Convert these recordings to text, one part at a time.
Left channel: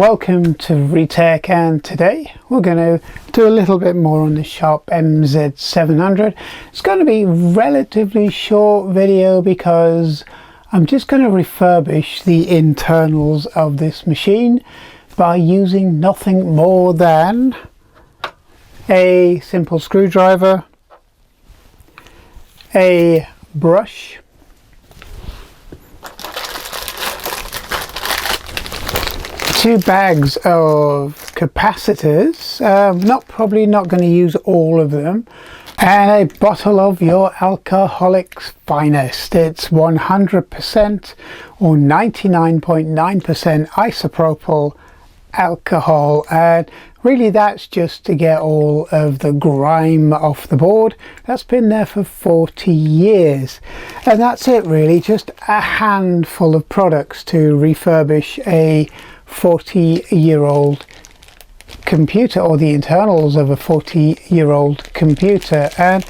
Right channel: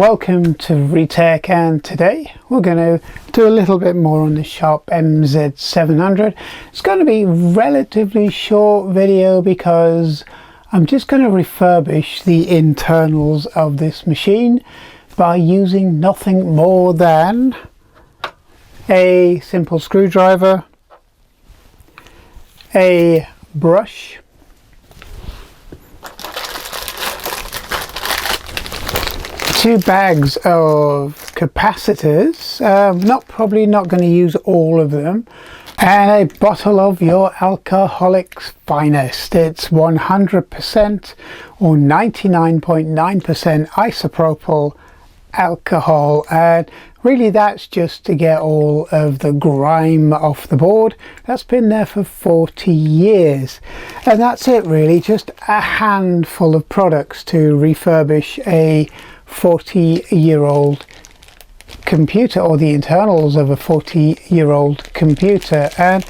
Welcome to Retech, and today we're going to do a little bit more on the Sharp MZ700. It's going to be a relatively short video because I'm just going to refurbish the internals of this machine by using nothing more than a simple screwdriver, a brush, two bags of capacitors, probably not going to use all of them, and a bottle of your alcoholic's finest. It's 100% or 99.9% isopropyl alcohol, and really that's just to get all of the grime off the board. That's been there for 40 years, and that's it really, just a handful of products to refurbish a 40-year-old computer, or the internals of a 40-year-old computer. And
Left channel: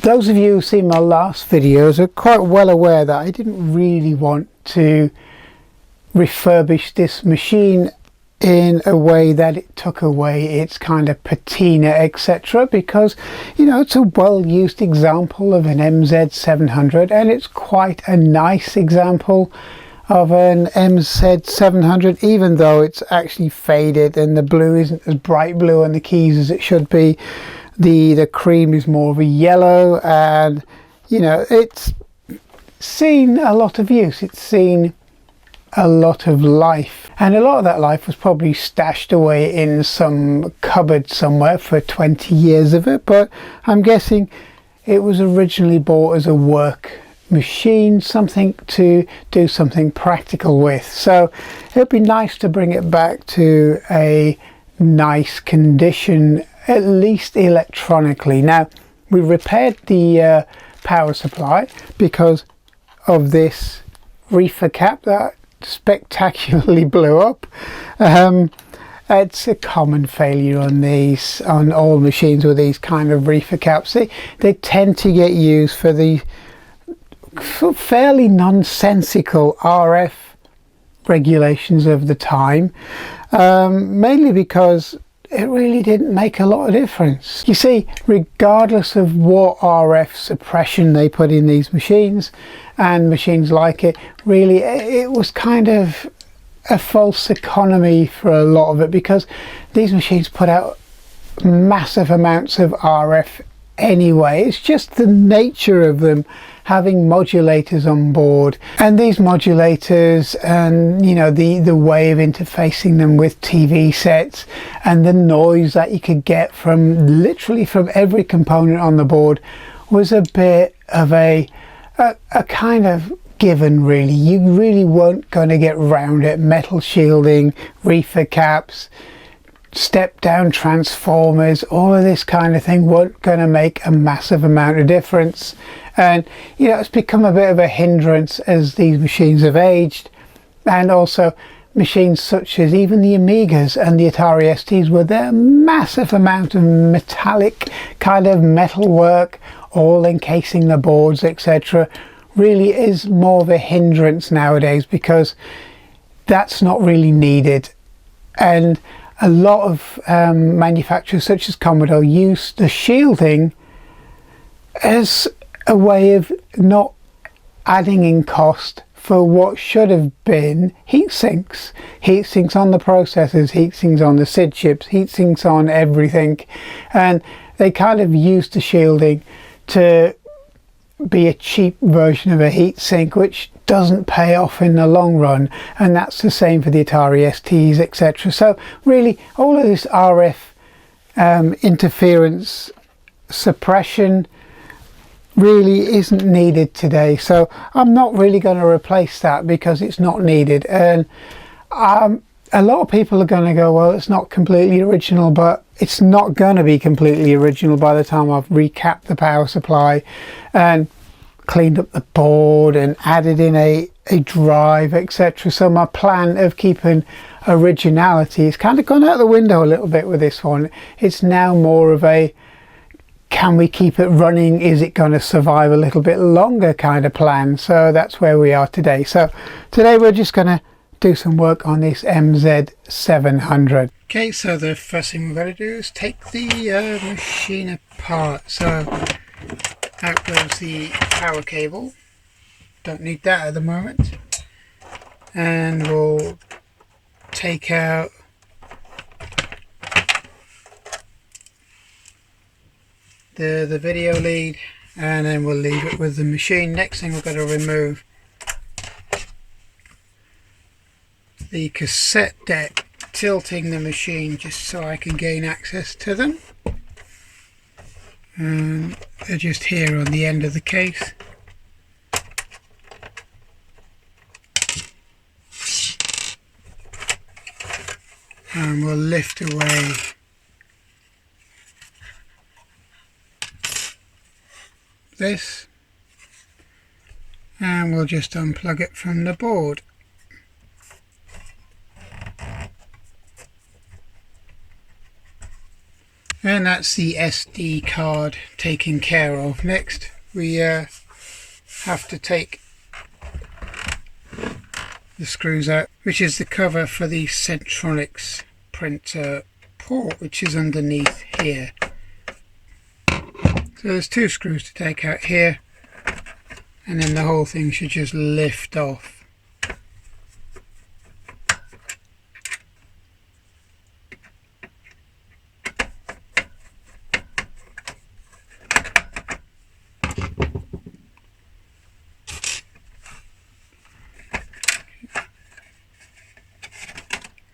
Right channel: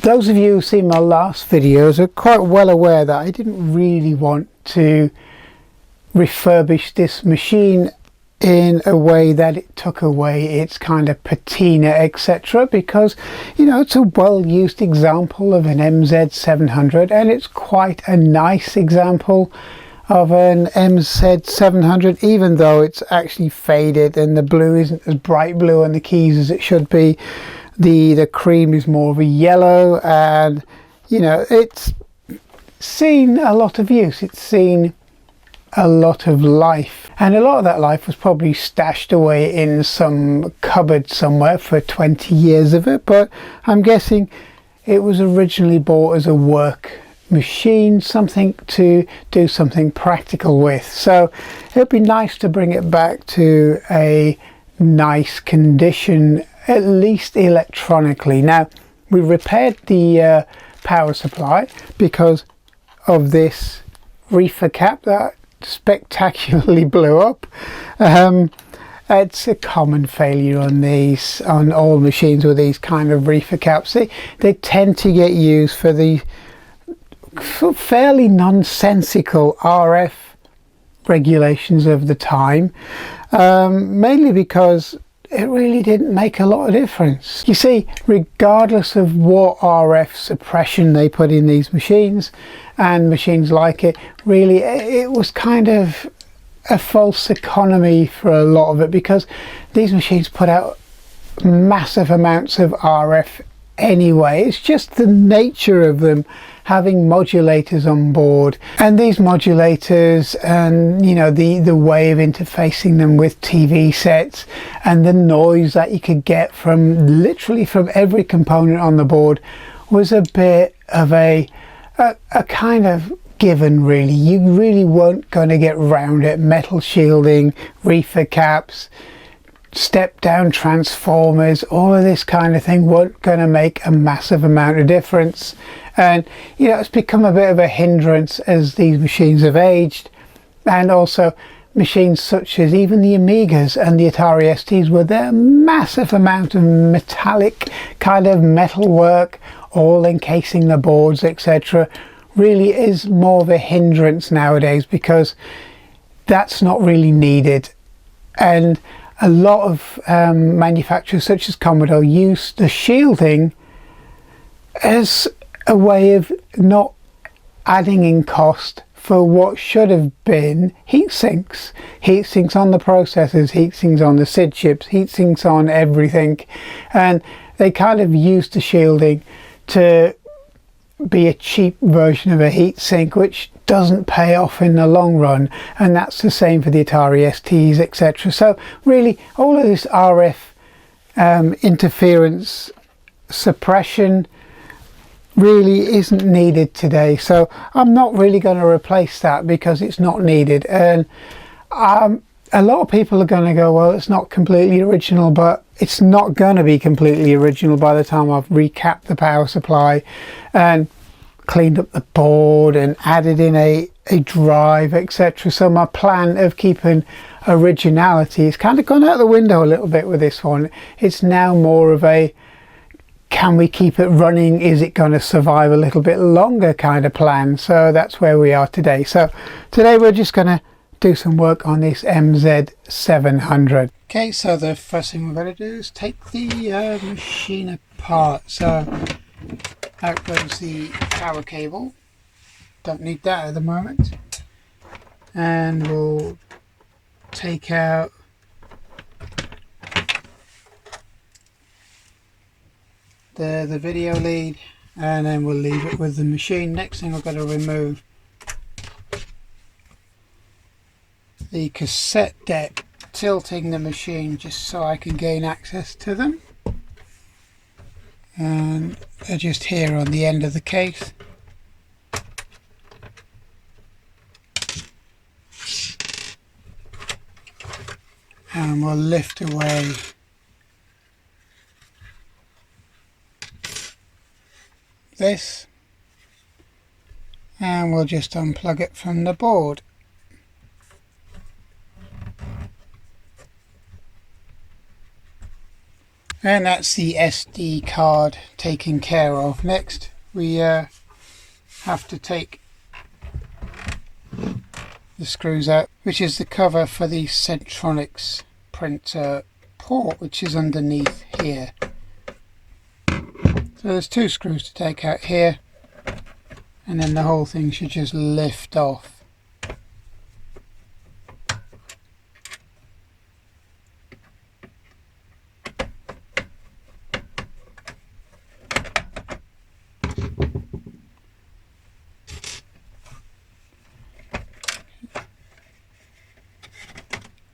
those of you who've seen my last videos are quite well aware that I didn't really want to refurbish this machine in a way that it took away its kind of patina, etc., because it's a well-used example of an MZ700, and it's quite a nice example of an MZ700, even though it's actually faded and the blue isn't as bright blue on the keys as it should be. The cream is more of a yellow, and it's seen a lot of use, it's seen a lot of life, and a lot of that life was probably stashed away in some cupboard somewhere for 20 years of it, but I'm guessing it was originally bought as a work machine, something to do something practical with. So it'd be nice to bring it back to a nice condition, at least electronically. Now, we repaired the power supply because of this reefer cap that spectacularly blew up. It's a common failure on all machines with these kind of reefer caps. They tend to get used for the fairly nonsensical RF regulations of the time, mainly because it really didn't make a lot of difference. You see, regardless of what RF suppression they put in these machines and machines like it, really it was kind of a false economy for a lot of it, because these machines put out massive amounts of RF anyway. It's just the nature of them having modulators on board, and these modulators, and the way of interfacing them with TV sets, and the noise that you could get from literally from every component on the board was a bit of a kind of given, really. You really weren't going to get around it. Metal shielding, reefer caps, step down transformers, all of this kind of thing weren't going to make a massive amount of difference. And it's become a bit of a hindrance as these machines have aged, and also machines such as even the Amigas and the Atari STs, with their massive amount of metallic kind of metal work all encasing the boards, etc., really is more of a hindrance nowadays, because that's not really needed. And a lot of manufacturers such as Commodore use the shielding as a way of not adding in cost for what should have been heat sinks on the processors, heat sinks on the SID chips, heat sinks on everything, and they kind of use the shielding to be a cheap version of a heat sink, which doesn't pay off in the long run. And that's the same for the Atari STs, etc. So really all of this RF interference suppression really isn't needed today, so I'm not really going to replace that because it's not needed. And a lot of people are going to go, well, it's not completely original, but it's not going to be completely original by the time I've recapped the power supply and cleaned up the board and added in a drive, etc. So my plan of keeping originality has kind of gone out the window a little bit with this one. It's now more of a, can we keep it running? Is it going to survive a little bit longer kind of plan? So that's where we are today. So today we're just going to do some work on this MZ700. Okay, so the first thing we've got to do is take the machine apart. So out goes the power cable, don't need that at the moment, and we'll take out the video lead, and then we'll leave it with the machine. Next thing we've got to remove the cassette deck, tilting the machine just so I can gain access to them, and they're just here on the end of the case. And we'll lift away this, and we'll just unplug it from the board. And that's the SD card taken care of. Next we have to take the screws out, which is the cover for the Centronics printer port, which is underneath here. So there's two screws to take out here, and then the whole thing should just lift off.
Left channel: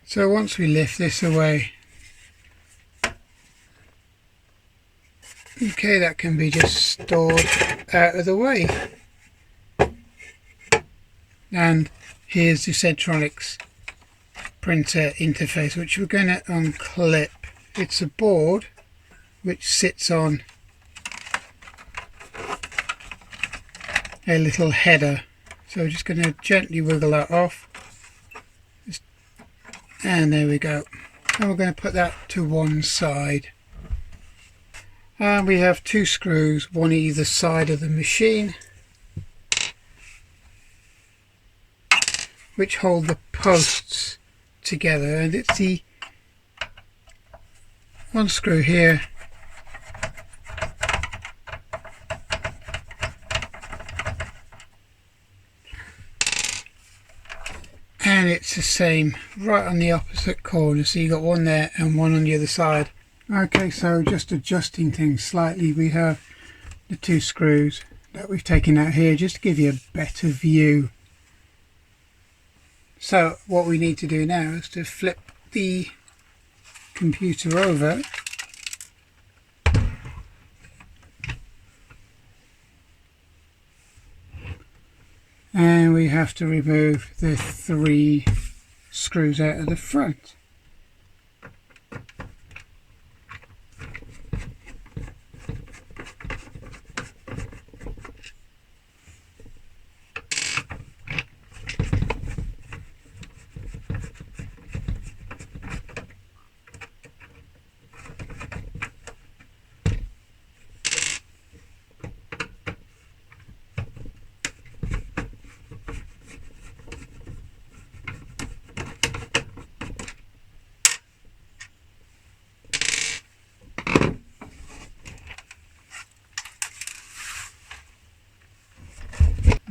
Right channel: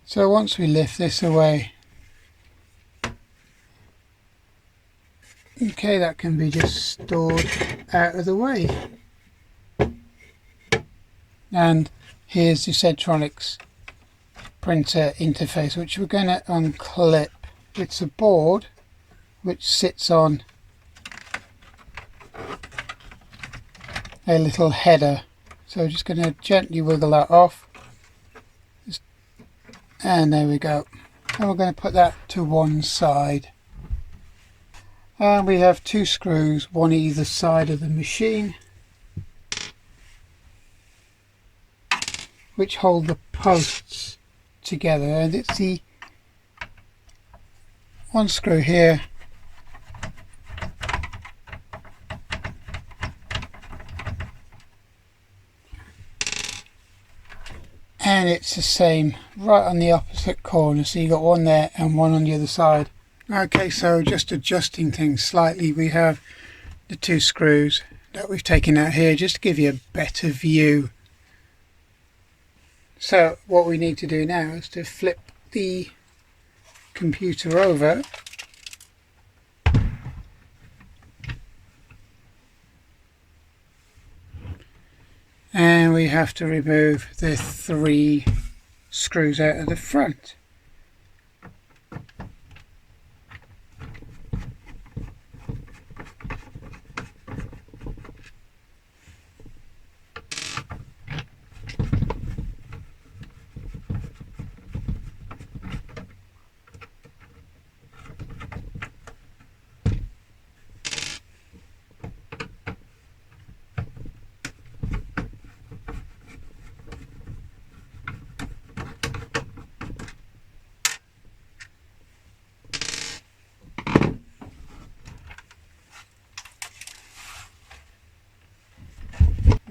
So once we lift this away, okay, that can be just stored out of the way. And here's the Centronics printer interface, which we're going to unclip. It's a board which sits on a little header, so we're just going to gently wiggle that off. And there we go. And we're going to put that to one side. And we have two screws, one either side of the machine, which hold the posts together. And it's the one screw here, and it's the same right on the opposite corner, so you got one there and one on the other side. Okay, so just adjusting things slightly, we have the two screws that we've taken out here just to give you a better view. So what we need to do now is to flip the computer over, and we have to remove the three screws out of the front.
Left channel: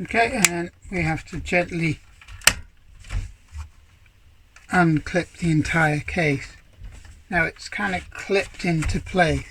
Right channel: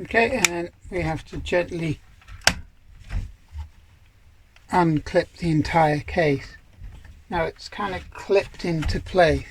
Okay, and then we have to gently unclip the entire case. Now it's kind of clipped into place.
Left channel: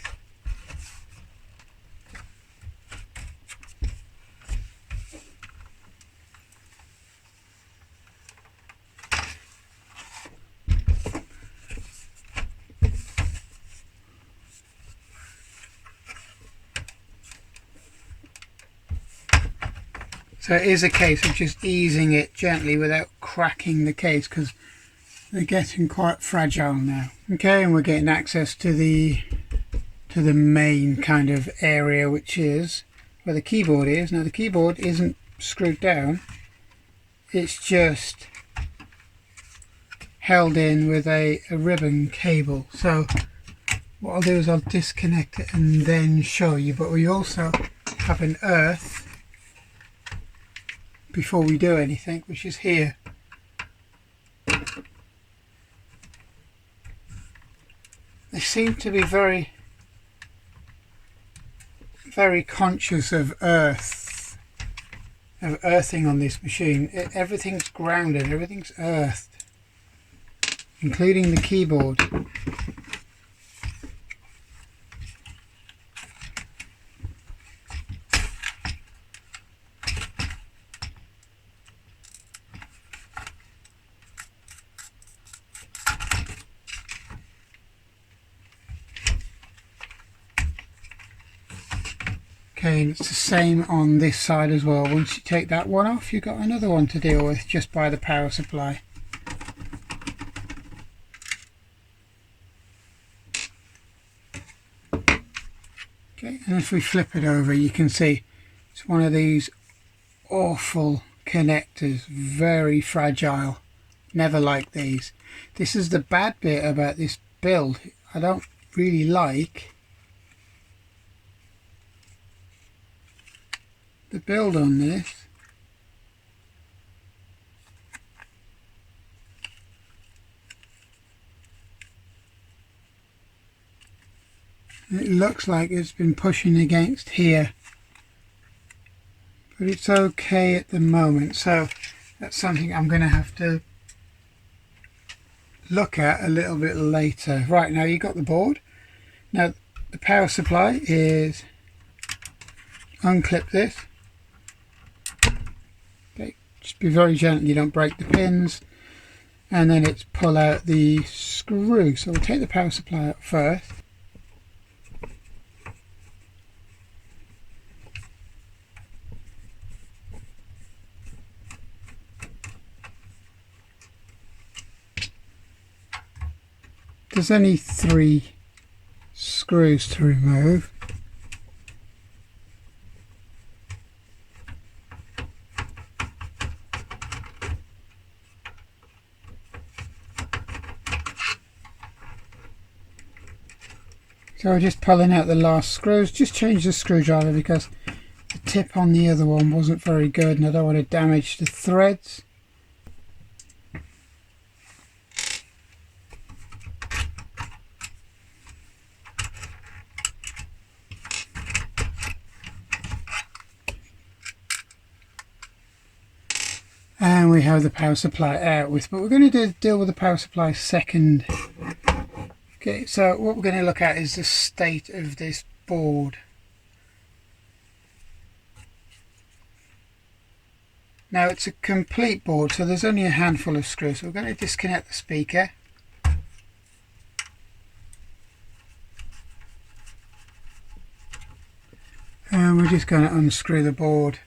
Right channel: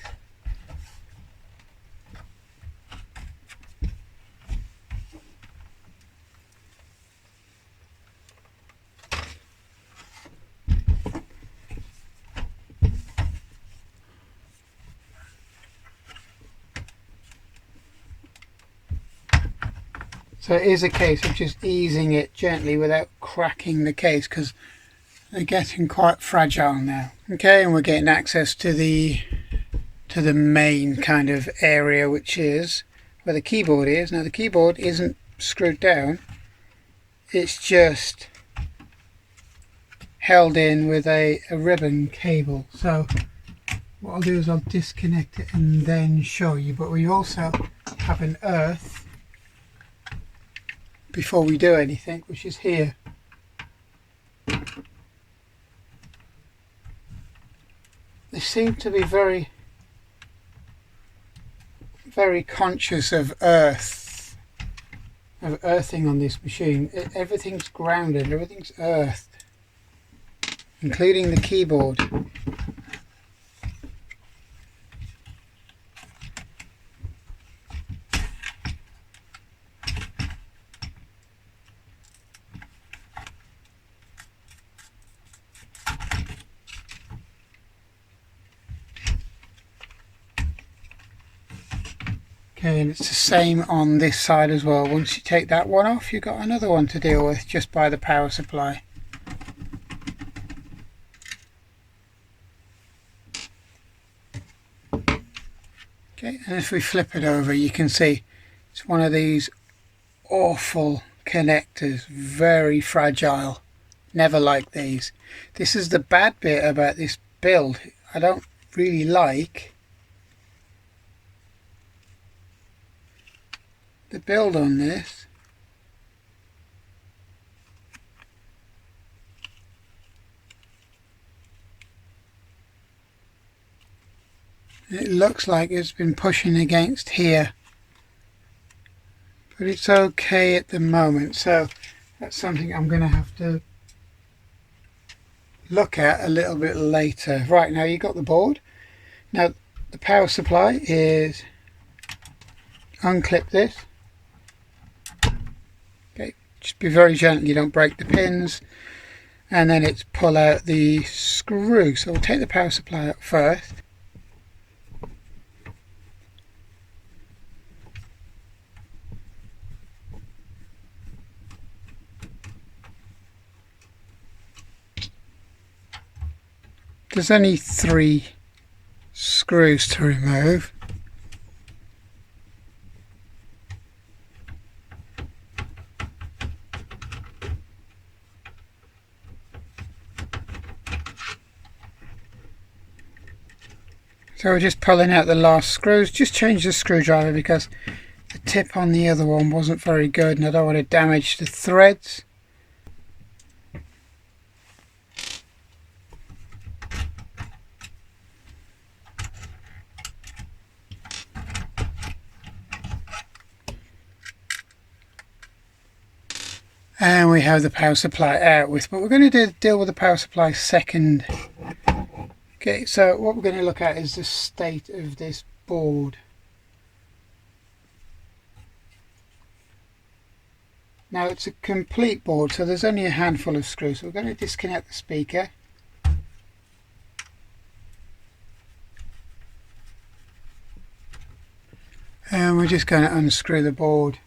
So it is a case of just easing it gently without cracking the case, because they're getting quite fragile now. Okay, and we're getting access to the main kind of area, which is where the keyboard is. Now the keyboard isn't screwed down, it's just held in with a ribbon cable. So what I'll do is I'll disconnect it and then show you, but we also have an earth before we do anything, which is here. they seem to be very conscious of earthing on this machine. Everything's grounded, everything's earthed, including the keyboard. Okay, and it's the same on this side as well. Once you take that one off, you've got another one to deal with just by the power supply. Okay, and if we flip it over, you can see it's one of these awful connectors, very fragile. Never like these. This is the bad bit about this build. I don't really like the build on this. It looks like it's been pushing against here, but it's okay at the moment, so that's something I'm going to have to look at a little bit later. Right, now you got the board. Now the power supply is, unclip this. Okay, just be very gentle, you don't break the pins, and then it's pull out the screw. So we'll take the power supply out first. There's only 3 screws to remove. So we're just pulling out the last screws. Just change the screwdriver because the tip on the other one wasn't very good and I don't want to damage the threads. And we have the power supply out with, but we're going to deal with the power supply second. Okay, so what we're going to look at is the state of this board. Now it's a complete board, so there's only a handful of screws. So we're going to disconnect the speaker. And we're just going to unscrew the board.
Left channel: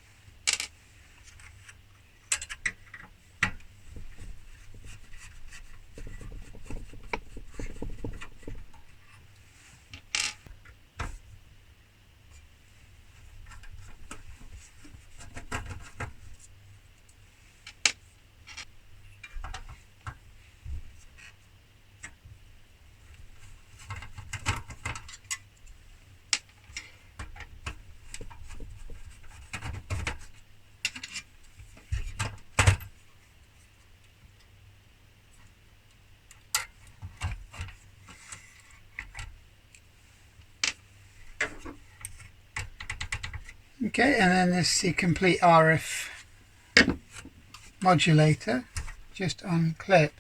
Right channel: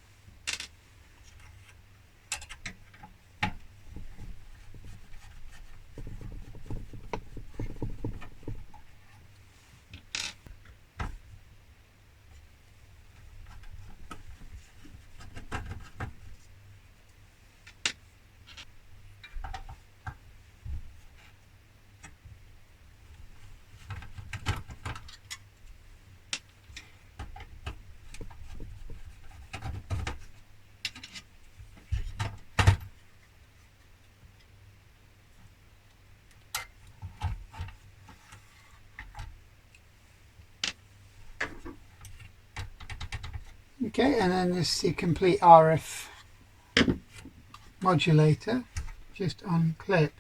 Okay, and then there's the complete RF modulator, just unclip.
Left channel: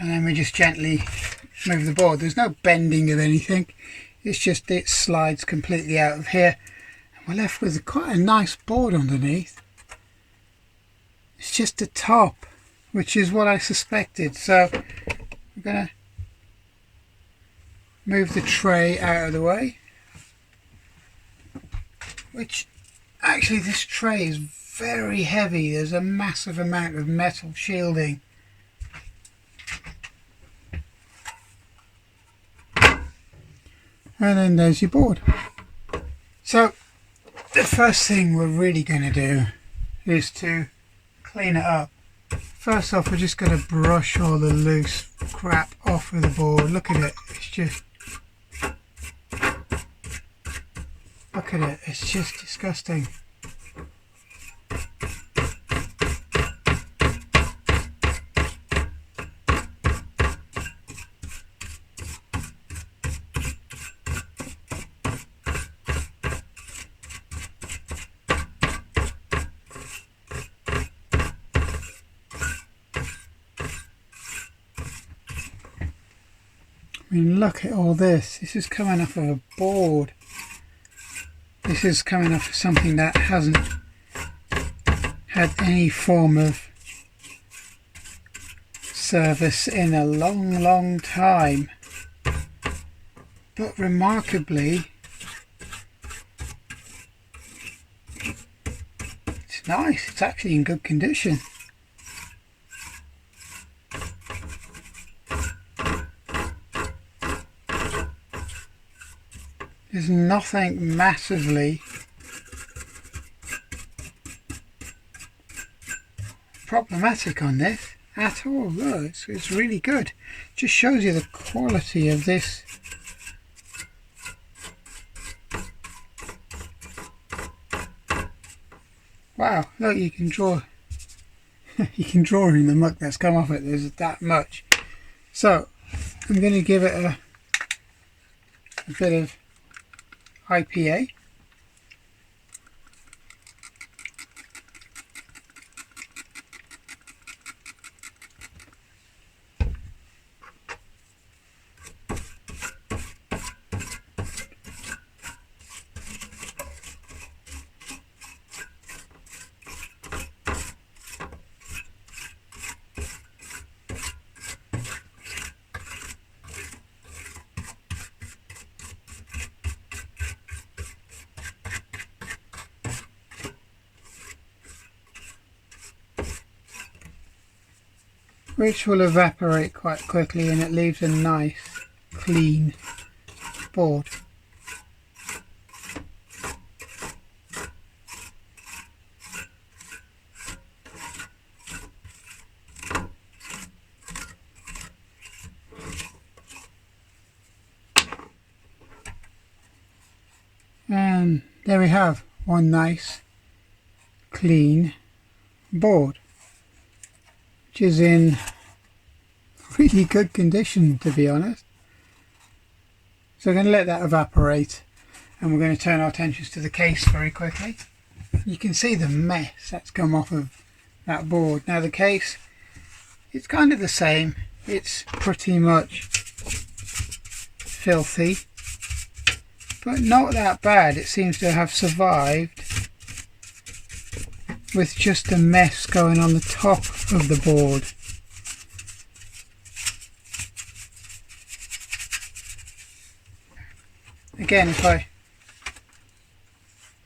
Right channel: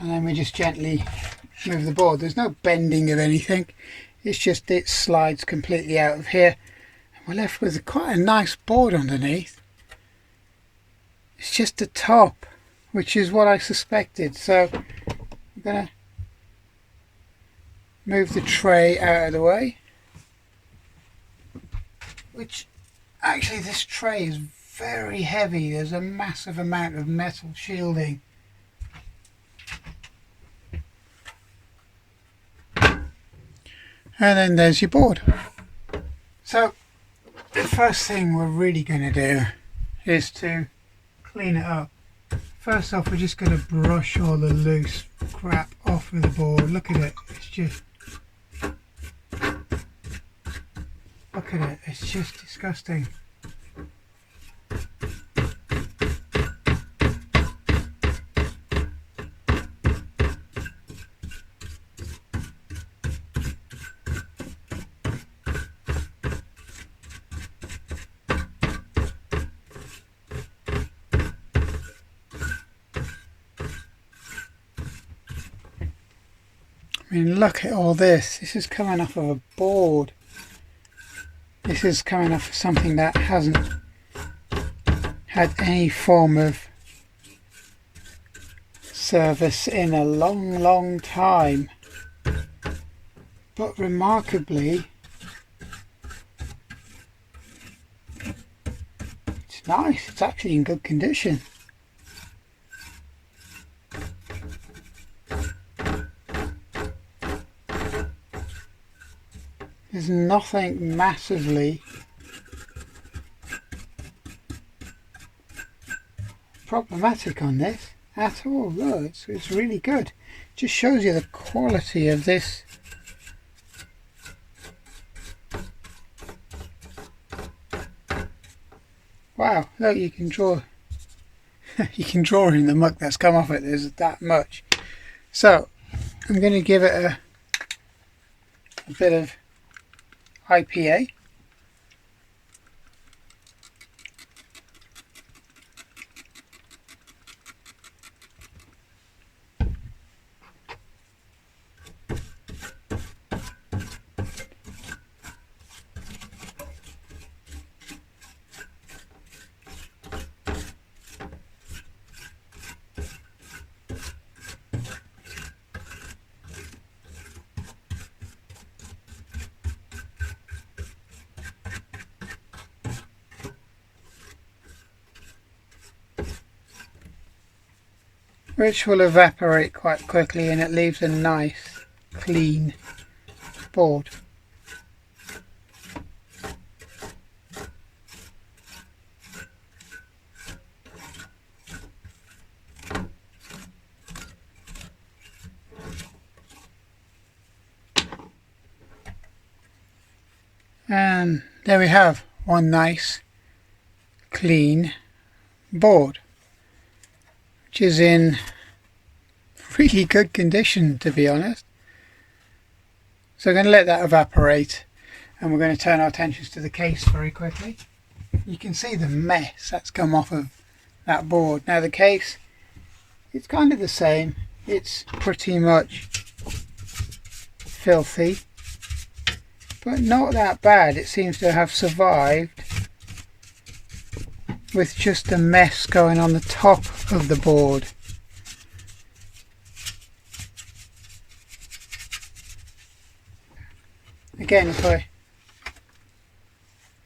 And then we just gently move the board. There's no bending of anything. It's just it slides completely out of here. And we're left with quite a nice board underneath. It's just the top, which is what I suspected. So I'm going to move the tray out of the way. Which, actually this tray is very heavy. There's a massive amount of metal shielding. And then there's your board. So the first thing we're really going to do is to clean it up. First off, we're just going to brush all the loose crap off of the board. Look at it, it's just, look at it, it's just disgusting. I mean, look at all this. This is coming off of a board. This is coming off of something that hasn't had any form of service in a long time. But remarkably, it's nice. It's actually in good condition. There's nothing massively problematic on this at all. Look, it's really good. Just shows you the quality of this. Wow, look, you can draw you can draw in the muck that's come off it. There's that much. So I'm going to give it a bit of IPA. Which will evaporate quite quickly, and it leaves a nice clean board. And there we have one nice clean board, which is in really good condition, to be honest. So we're going to let that evaporate, and we're going to turn our attentions to the case very quickly. You can see the mess that's come off of that board. Now the case, it's kind of the same. It's pretty much filthy, but not that bad. It seems to have survived with just a mess going on the top of the board. Again, if I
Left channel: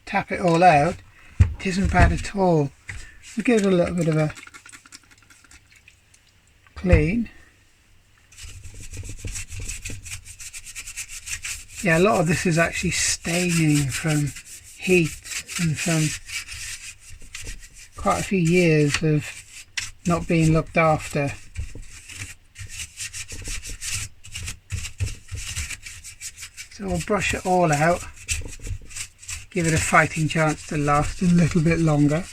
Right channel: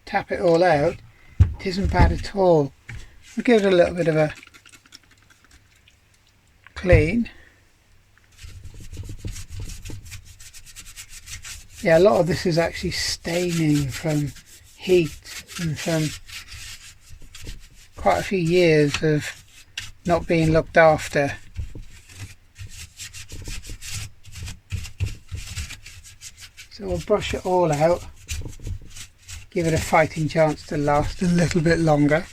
tap it all out, it isn't bad at all. We'll give it a little bit of a clean. Yeah, a lot of this is actually staining from heat and from quite a few years of not being looked after. So we'll brush it all out, give it a fighting chance to last a little bit longer.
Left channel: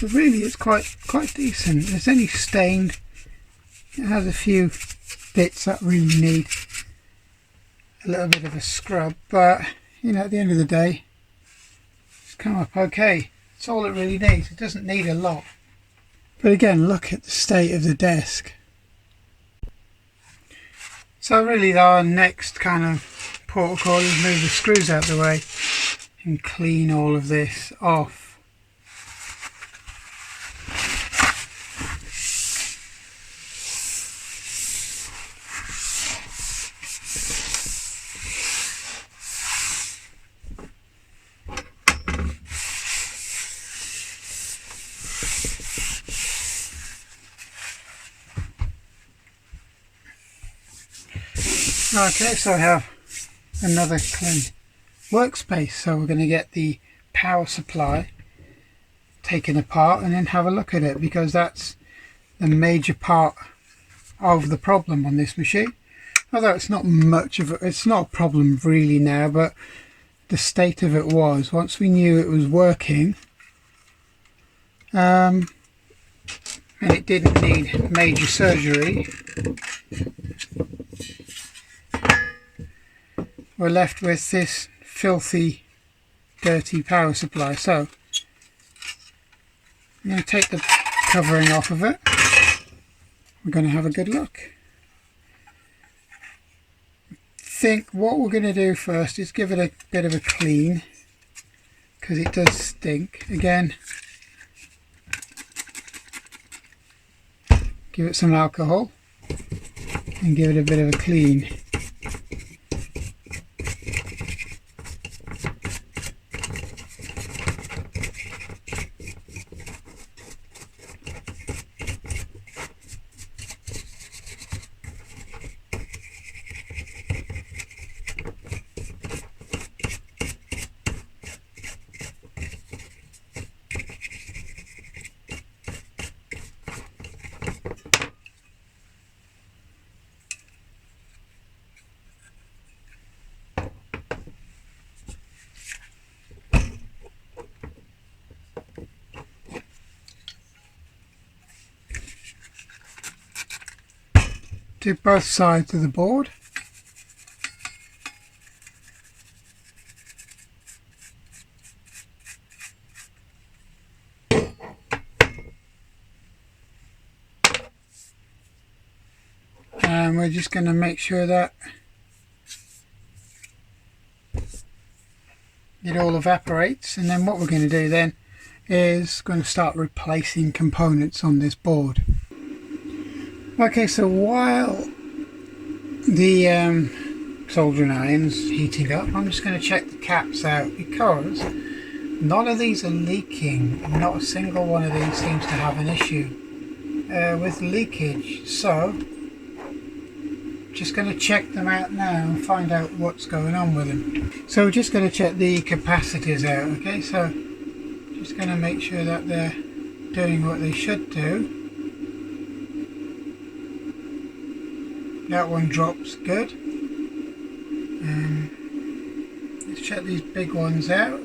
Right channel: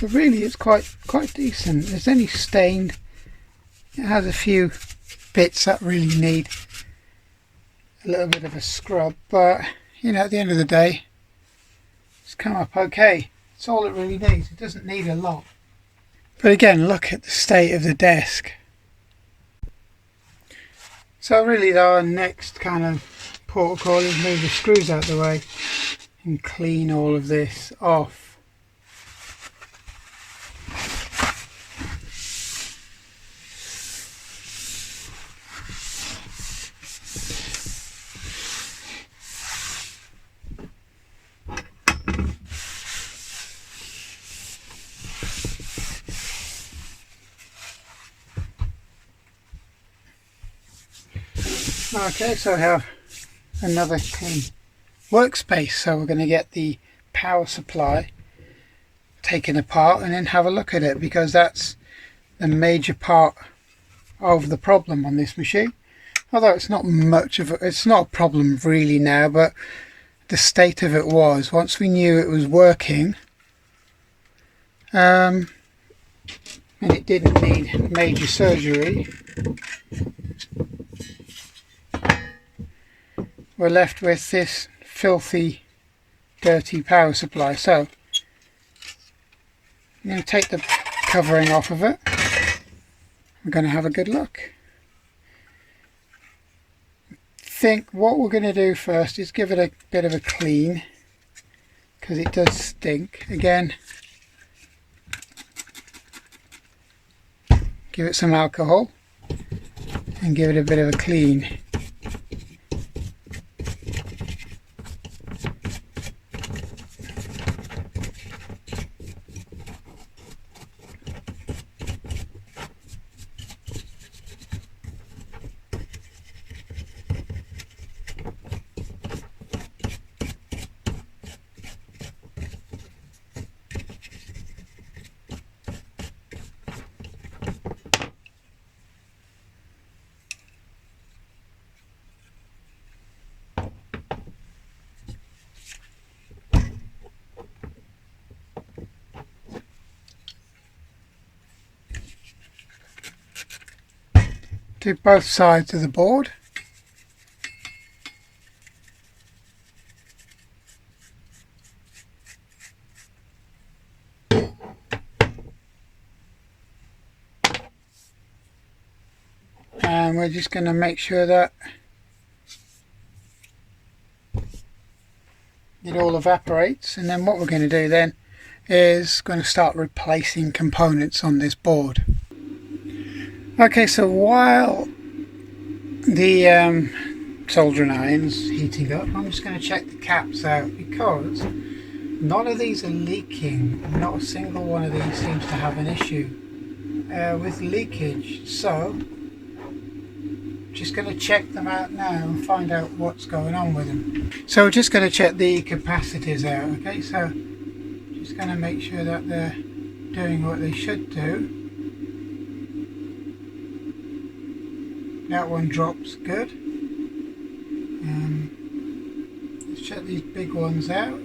But really it's quite decent. It's only stained. It has a few bits that really need a little bit of a scrub, but you know, at the end of the day, it's come up okay. It's all it really needs. It doesn't need a lot. But again, look at the state of the desk. So really our next kind of protocol is move the screws out of the way and clean all of this off. Okay, so I have another clean workspace, so we're going to get the power supply taken apart and then have a look at it, because that's a major part of the problem on this machine. Although it's not much of it's not a problem really now, but the state of it was, once we knew it was working, and it didn't need major surgery, we're left with this filthy, dirty power supply. So I'm going to take the covering off of it. We're going to have a good look. I think what we're going to do first is give it a bit of a clean, because it does stink. Again, give it some alcohol and give it a bit of a clean. To both sides of the board. And we're just going to make sure that it all evaporates, and then what we're going to do then is going to start replacing components on this board. Okay, so while the soldering iron's heating up, I'm just going to check the caps out, because none of these are leaking. Not a single one of these seems to have an issue with leakage. So just going to check them out now and find out what's going on with them. So we're just going to check the capacitors out. Okay, so just going to make sure that they're doing what they should do. That one drops good. Let's check these big ones out.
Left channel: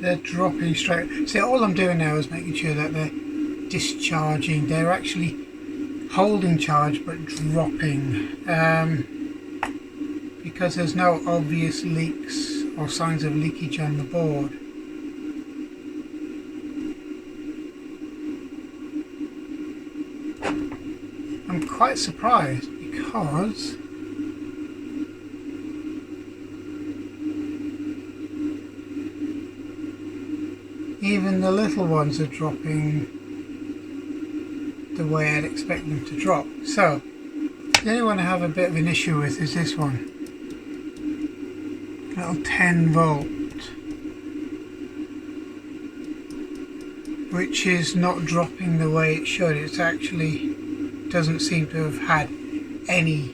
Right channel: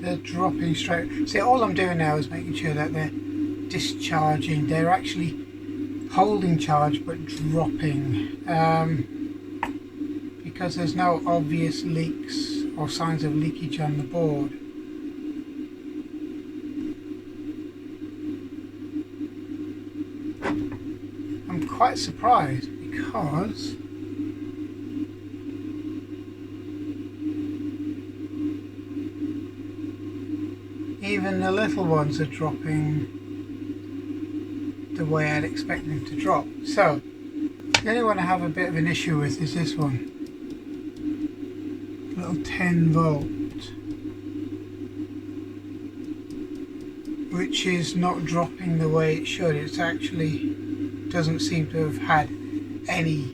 They're dropping straight. See, all I'm doing now is making sure that they're discharging. They're actually holding charge but dropping, because there's no obvious leaks or signs of leakage on the board. I'm quite surprised, because even the little ones are dropping the way I'd expect them to drop. So the only one I have a bit of an issue with is this one, little 10 volt, which is not dropping the way it should. It's actually doesn't seem to have had any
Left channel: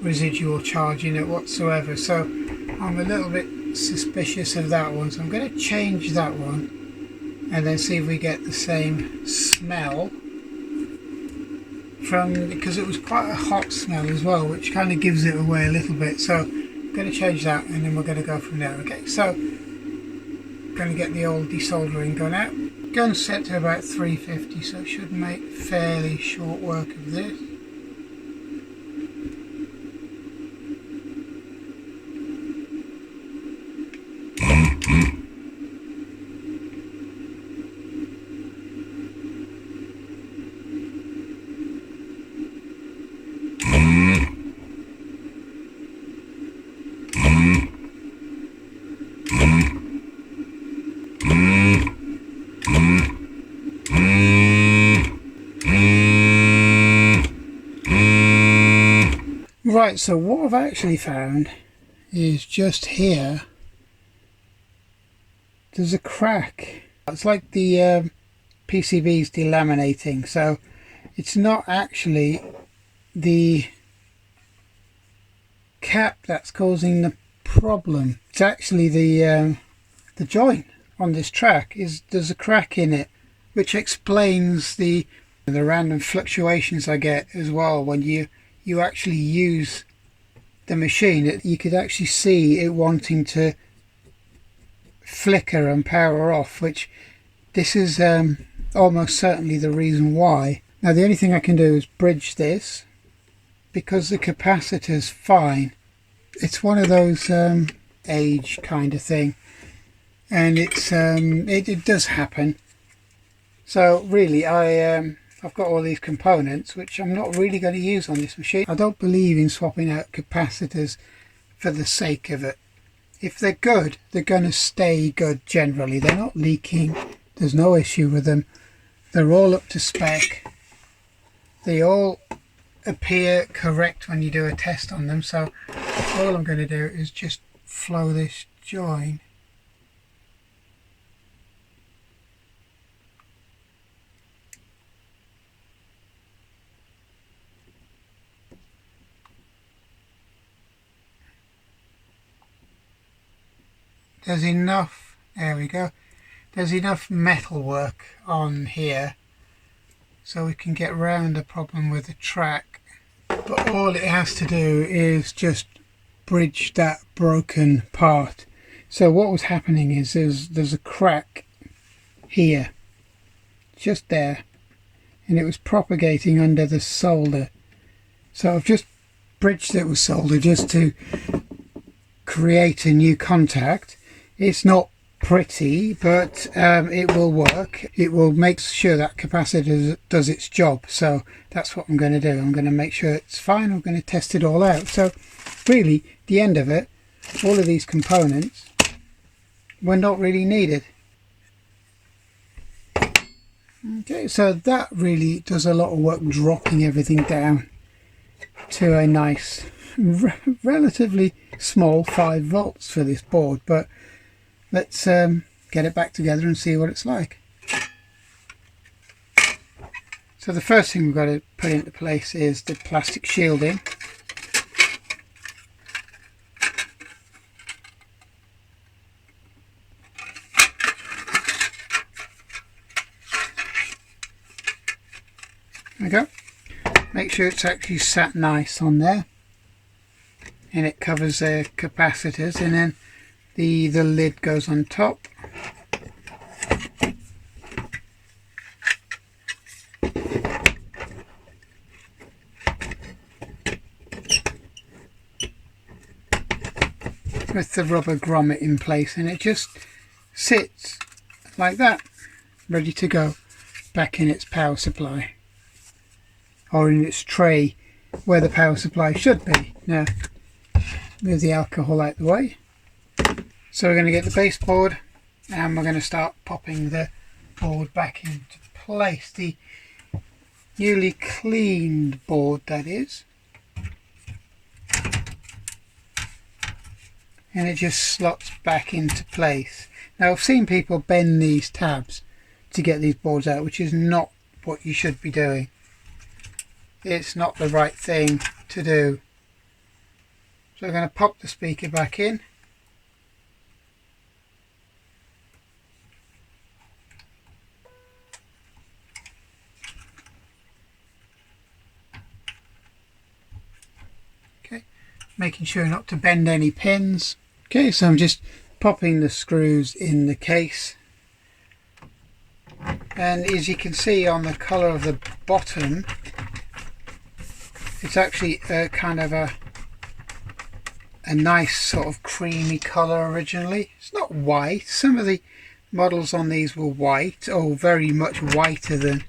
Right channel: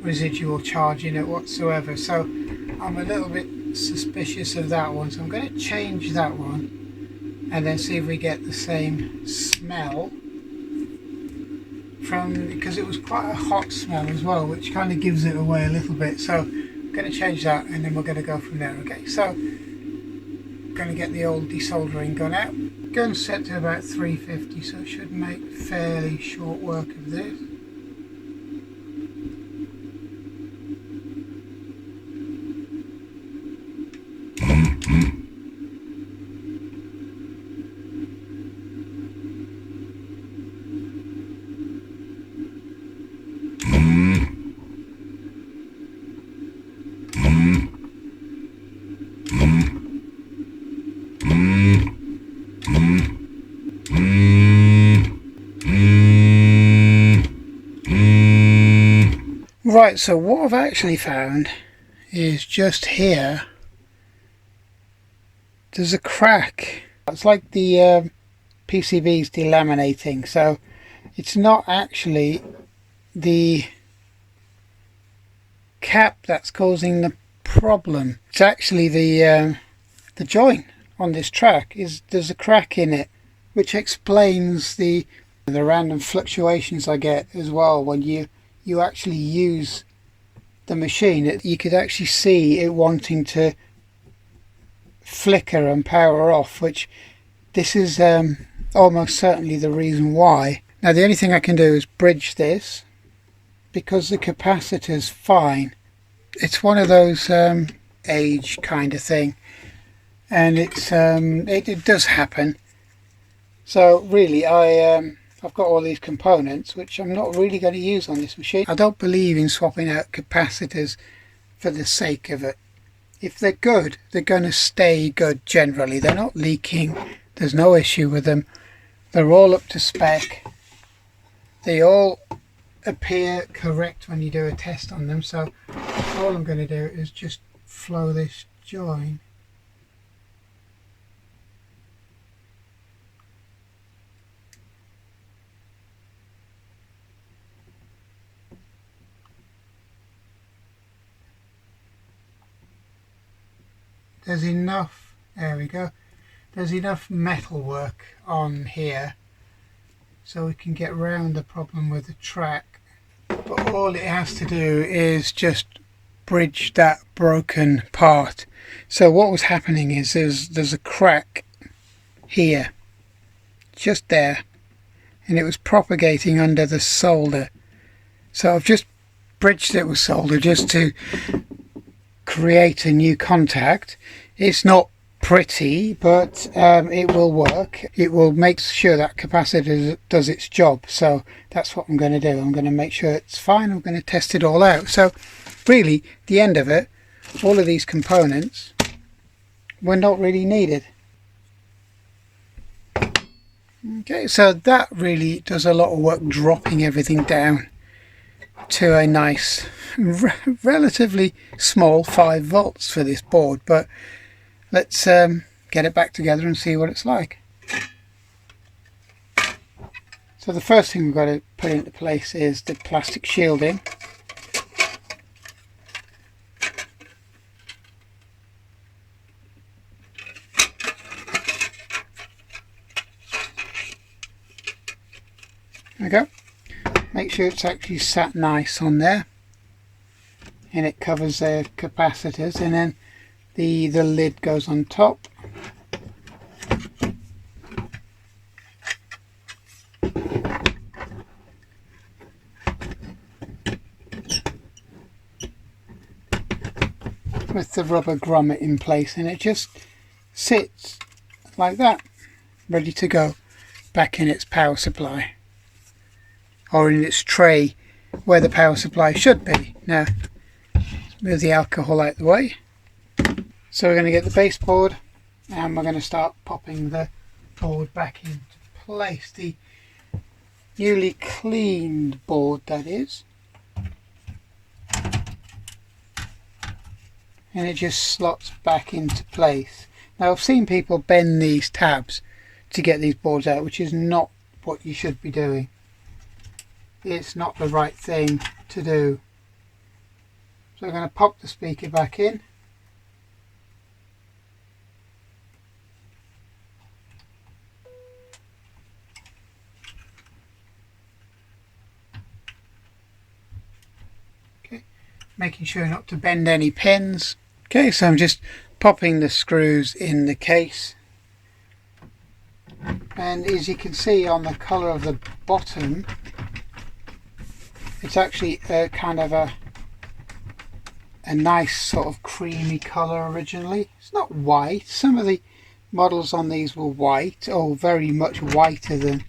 residual charge in it whatsoever, so I'm a little bit suspicious of that one. So I'm going to change that one and then see if we get the same smell from, because it was quite a hot smell as well, which kind of gives it away a little bit. So I'm going to change that and then we're going to go from there. Okay, so I'm going to get the old desoldering gun out. Gun's set to about 350, so it should make fairly short work of this. Right, so what I've actually found is just here, there's a crack. It's like the PCB's delaminating, so it's not actually the cap that's causing the problem. It's actually the joint on this track. There's a crack in it, which explains the random fluctuations I get as well when you actually use the machine. You could actually see it wanting to flicker and power off, which this is almost certainly the reason why. Now the only thing I can do is bridge this because the capacitor's fine. It's one of those age kind of thing, and it does happen. So really I've got all these components which I'm not really going to use on this machine. I don't believe in swapping out capacitors for the sake of it. If they're good, they're going to stay good generally. They're not leaking. There's no issue with them. They're all up to spec. They all appear correct when you do a test on them. So all I'm going to do is just flow this join. There's enough, there we go, there's enough metal work on here so we can get around the problem with the track. But all it has to do is just bridge that broken part. So what was happening is there's a crack here, just there, and it was propagating under the solder. So I've just bridged it with solder just to create a new contact. It's not pretty, but it will work. It will make sure that capacitor does its job. So that's what I'm going to do. I'm going to make sure it's fine. I'm going to test it all out. So really, the end of it, all of these components were not really needed. Okay, so that really does a lot of work dropping everything down to a nice relatively small 5 volts for this board. But let's get it back together and see what it's like. So the first thing we've got to put into place is the plastic shielding. There we go. Make sure it's actually sat nice on there, and it covers the capacitors, and then the lid goes on top. With the rubber grommet in place, and it just sits like that, ready to go back in its power supply, or in its tray where the power supply should be. Now move the alcohol out the way. So we're going to get the baseboard, and we're going to start popping the board back into place. The newly cleaned board, that is. And it just slots back into place. Now I've seen people bend these tabs to get these boards out, which is not what you should be doing. It's not the right thing to do. So we're going to pop the speaker back in. Okay, making sure not to bend any pins. Okay, so I'm just popping the screws in the case, and as you can see on the colour of the bottom, it's actually kind of a nice sort of creamy colour originally. It's not white. Some of the models on these were white, or very much whiter than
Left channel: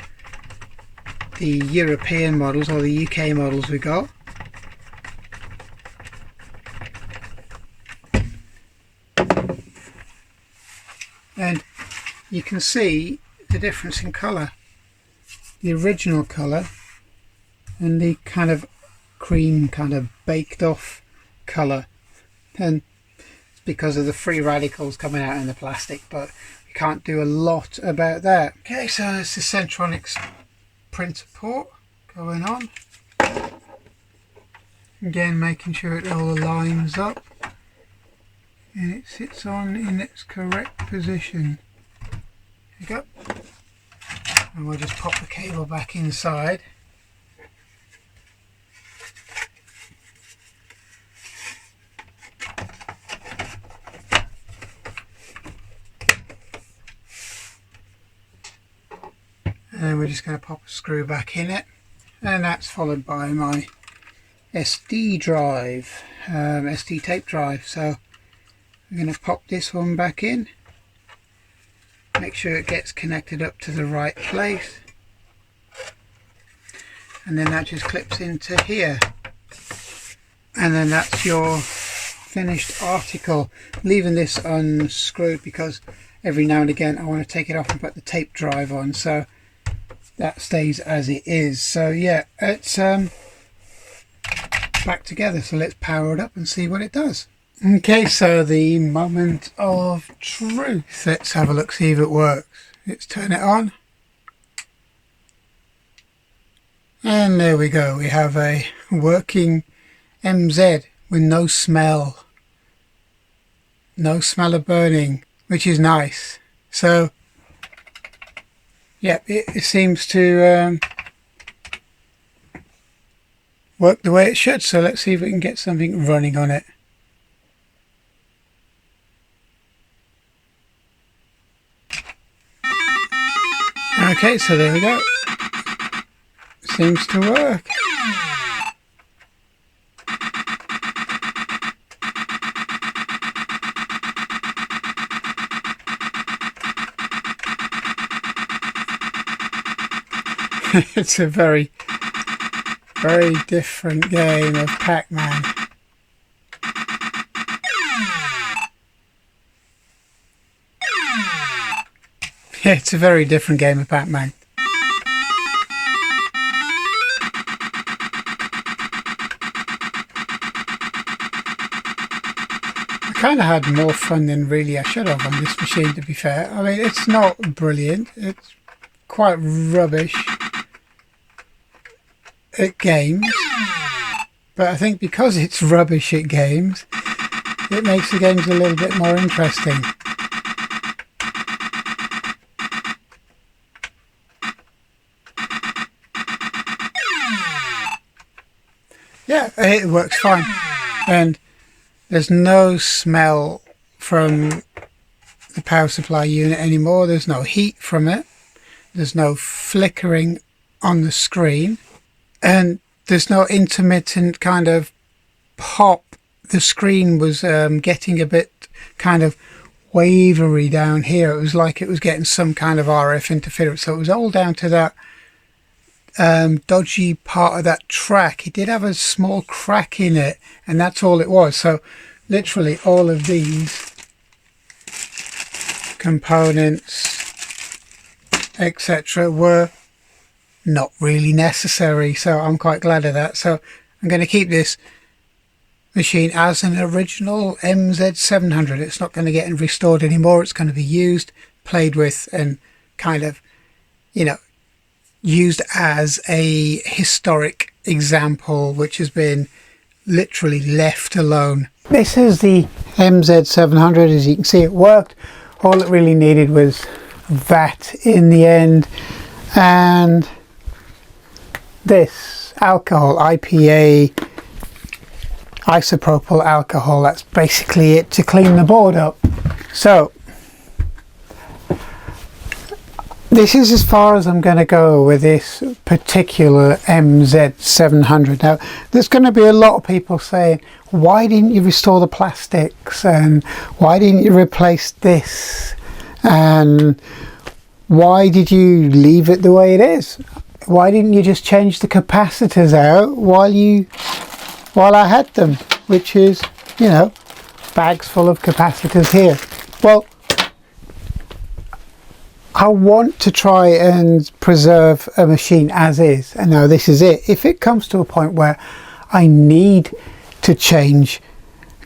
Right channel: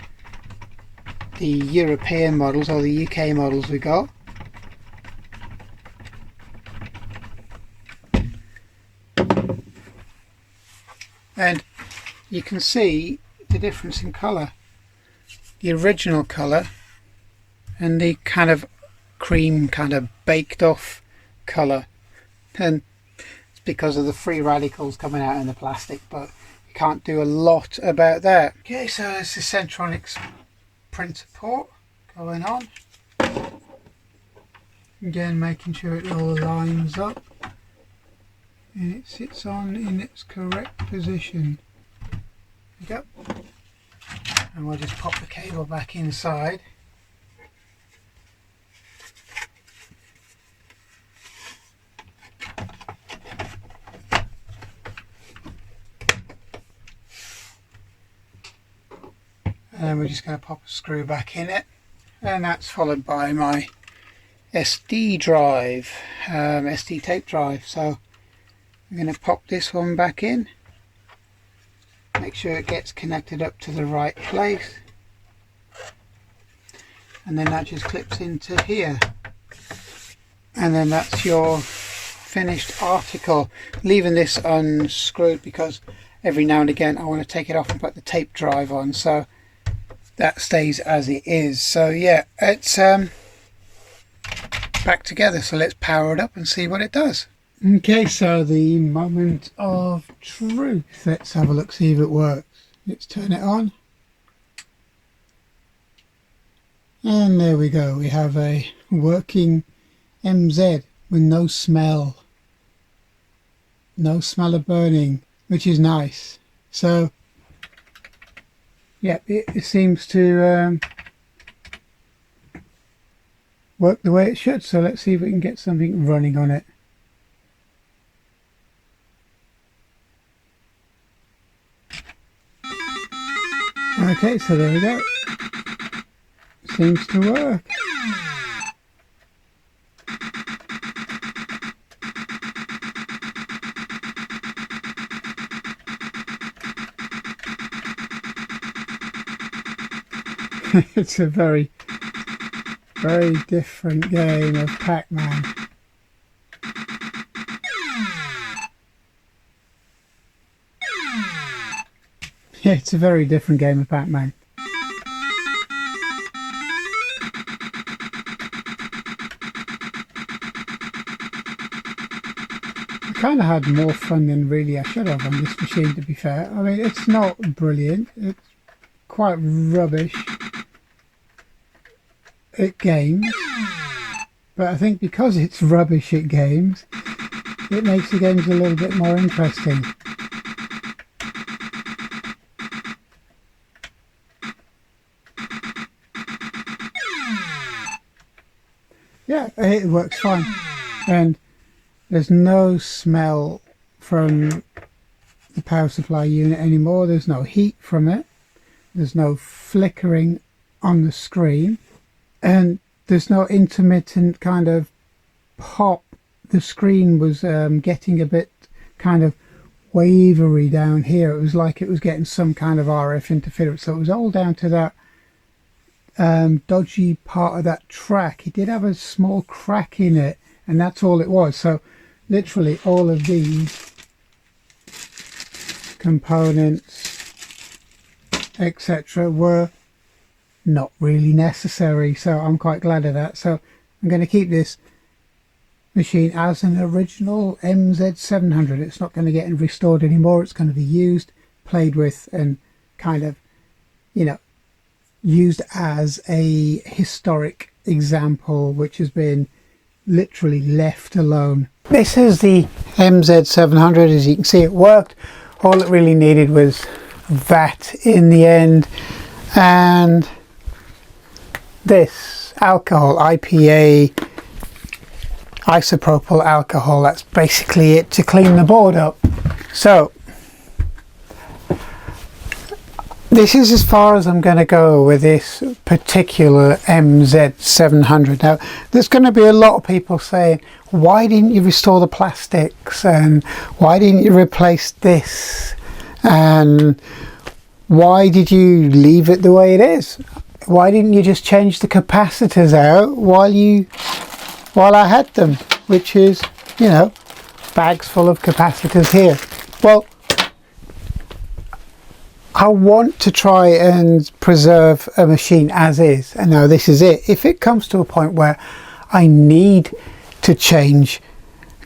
the European models or the UK models we got. And you can see the difference in colour. The original colour and the kind of cream, kind of baked off colour, and it's because of the free radicals coming out in the plastic, but you can't do a lot about that. Okay, so it's the Centronics printer port going on. Again, making sure it all lines up and it sits on in its correct position. There you go. And we'll just pop the cable back inside. And we're just going to pop a screw back in it, and that's followed by my SD drive, SD tape drive. So I'm going to pop this one back in, make sure it gets connected up to the right place, and then that just clips into here, and then that's your finished article. Leaving this unscrewed because every now and again I want to take it off and put the tape drive on, so that stays as it is. So yeah, it's back together, so let's power it up and see what it does. Okay, so the moment of truth. Let's have a look, see if it works. Let's turn it on, and there we go. We have a working MZ with no smell of burning, which is nice. So yeah, it seems to work the way it should. So let's see if we can get something running on it. Okay, so there we go. Seems to work. It's a very, very different game of Pac-Man. Yeah, it's a very different game of Pac-Man. I kind of had more fun than really I should have on this machine, to be fair. I mean, it's not brilliant. It's quite rubbish at games, but I think because it's rubbish at games, it makes the games a little bit more interesting. Yeah, it works fine, and there's no smell from the power supply unit anymore. There's no heat from it, there's no flickering on the screen, and there's no intermittent kind of pop. The screen was getting a bit kind of wavery down here. It was like it was getting some kind of RF interference, so it was all down to that dodgy part of that track. It did have a small crack in it, and that's all it was. So literally all of these components, etc., were not really necessary, so I'm quite glad of that. So I'm going to keep this machine as an original MZ700. It's not going to get restored anymore. It's going to be used, played with, and kind of, you know, used as a historic example which has been literally left alone. This is the MZ700. As you can see, it worked. All it really needed was that in the end, and this alcohol, IPA isopropyl alcohol. That's basically it to clean the board up. So this is as far as I'm going to go with this particular MZ700. Now, there's going to be a lot of people saying, why didn't you restore the plastics, and why didn't you replace this, and why did you leave it the way it is? Why didn't you just change the capacitors out while I had them, which is, you know, bags full of capacitors here. Well, I want to try and preserve a machine as is, and now this is it. If it comes to a point where I need to change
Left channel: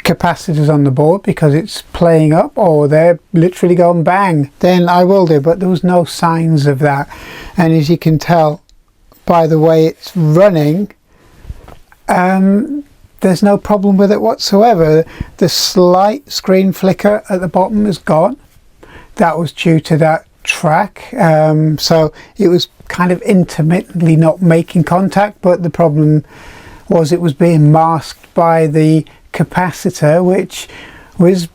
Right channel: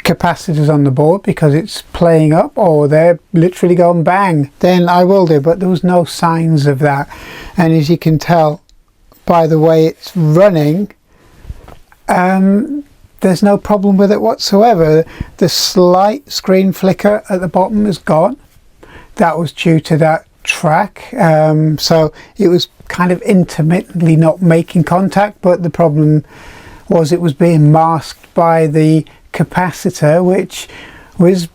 capacitors on the board because it's playing up or they're literally going bang, then I will do, but there was no signs of that. And as you can tell, by the way it's running, there's no problem with it whatsoever. The slight screen flicker at the bottom is gone. That was due to that track, so it was kind of intermittently not making contact, but the problem was it was being masked by the capacitor, which was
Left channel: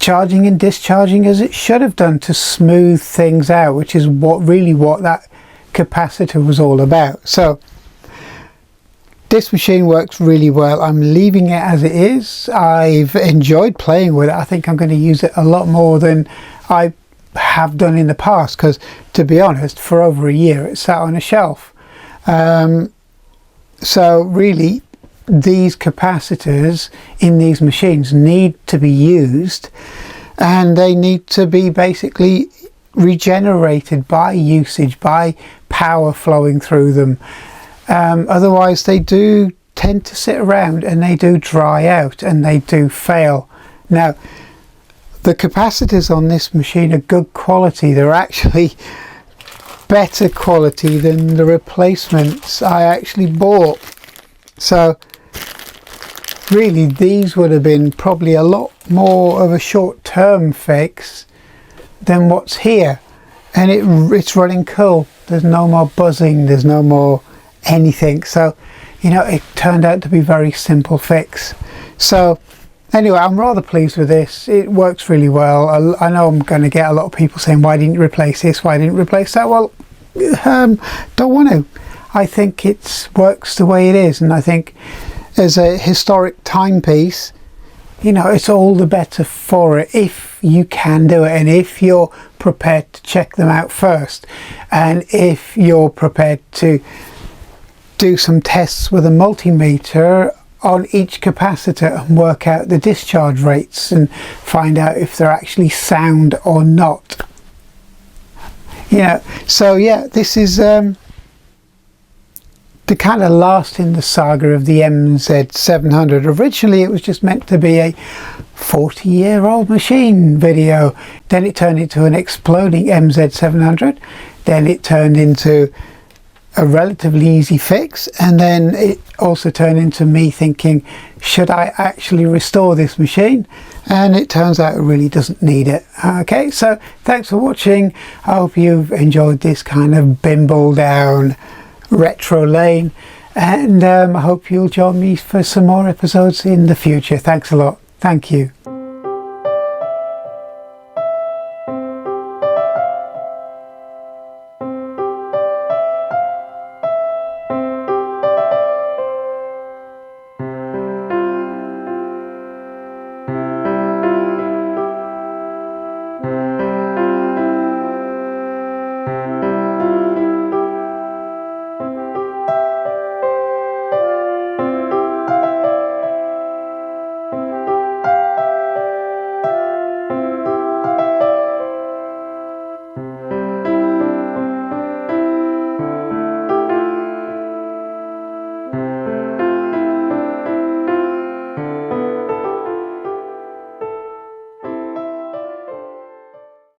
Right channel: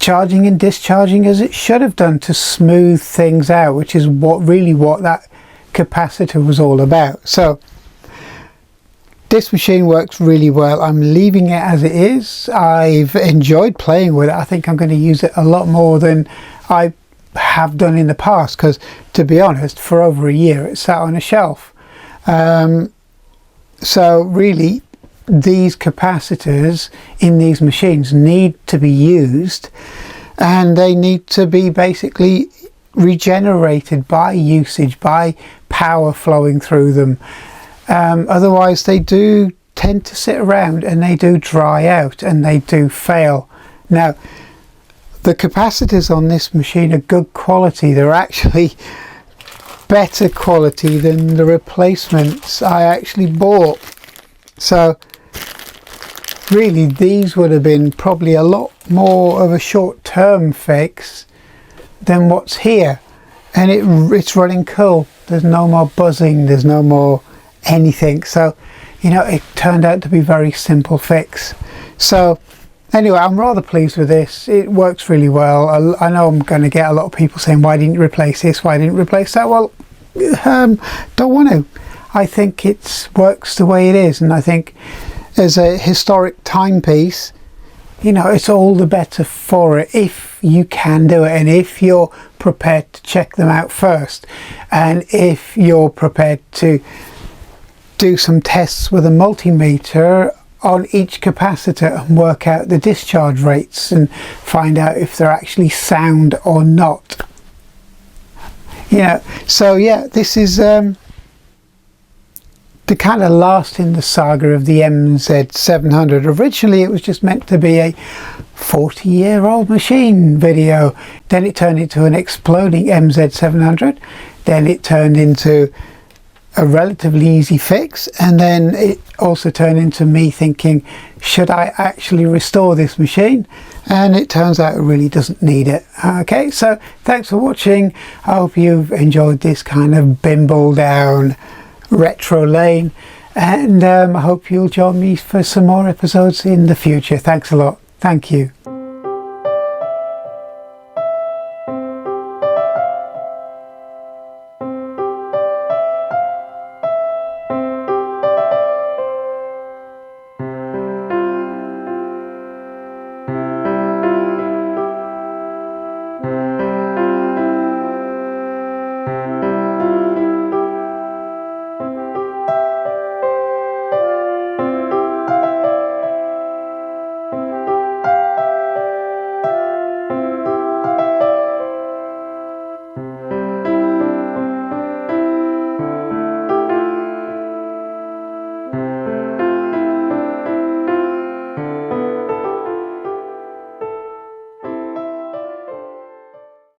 charging and discharging as it should have done to smooth things out, which is what that capacitor was all about. So this machine works really well. I'm leaving it as it is. I've enjoyed playing with it. I think I'm going to use it a lot more than I have done in the past, because to be honest, for over a year it sat on a shelf. So really, these capacitors in these machines need to be used, and they need to be basically regenerated by usage, by power flowing through them. Otherwise they do tend to sit around and they do dry out and they do fail. Now, the capacitors on this machine are good quality. They're actually better quality than the replacements I actually bought. So really, these would have been probably a lot more of a short-term fix than what's here. And it's running cool. There's no more buzzing, there's no more anything. So, you know, it turned out to be a very simple fix. So anyway, I'm rather pleased with this. It works really well. I know I'm going to get a lot of people saying, why didn't you replace this? Why didn't you replace that? Well, don't want to. I think it works the way it is, and I think as a historic timepiece, you know, it's all the better for it if you can do it, and if you're prepared to check them out first, and if you're prepared to do some tests with a multimeter on each capacitor and work out the discharge rates and find out if they're actually sound or not. You know, so yeah, this is the kind of last in the saga of the MZ700. Originally it was just meant to be a 40-year-old machine video. Then it turned into an exploding MZ700. Then it turned into a relatively easy fix, and then it also turned into me thinking, should I actually restore this machine? And it turns out it really doesn't need it. Okay, so thanks for watching. I hope you've enjoyed this kind of bimble down retro lane, and I hope you'll join me for some more episodes in the future. Thanks a lot. Thank you.